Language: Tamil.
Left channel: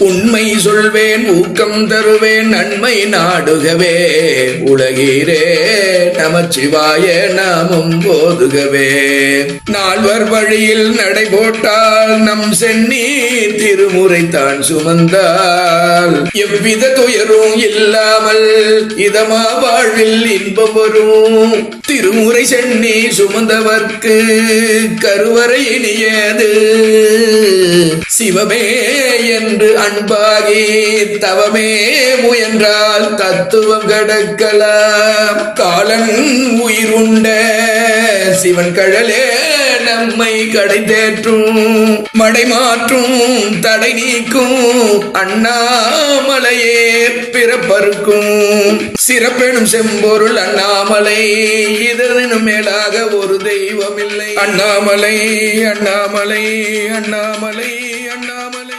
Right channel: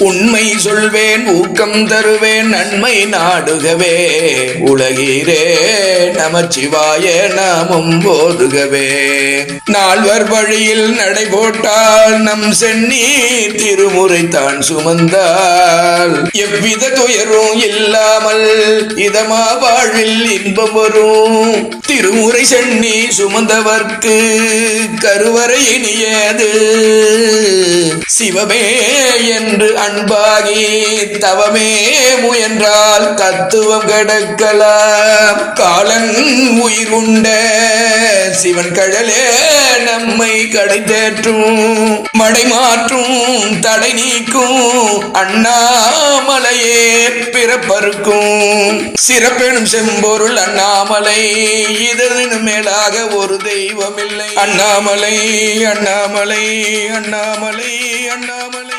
உண்மை சொல்வேன் ஊக்கம் தருவேன் நன்மை நாடுகவே. உலகீரே நமச்சிவாய நாமும் போதுகவே நால்வர் வழியில் நடை போட்டால் நம் சென்னி திருமுறை தான் சுமந்தால். எவ்வித துயரும் இல்லாமல் இதமா வாழ்வில் இன்பம் வரும். திருமுறை சென்னி சுமந்தவர்க்கு கருவறை இனியது. சிவமே என்று அன்பாகி தவமே முயன்றால் தத்துவம் கடக்கலாம். காலன் உயிர் உண்ட சிவன் கழலே நம்மை கடை தேற்றும் மடை மாற்றும் தடை நீக்கும் அண்ணாமலையே பிறப்பருக்கும் சிறப்பெனும் செம்பொருள் அண்ணாமலை இதனும் மேலாக ஒரு தெய்வம் இல்லை அண்ணாமலை அண்ணாமலை அண்ணாமலை அண்ணாமலை.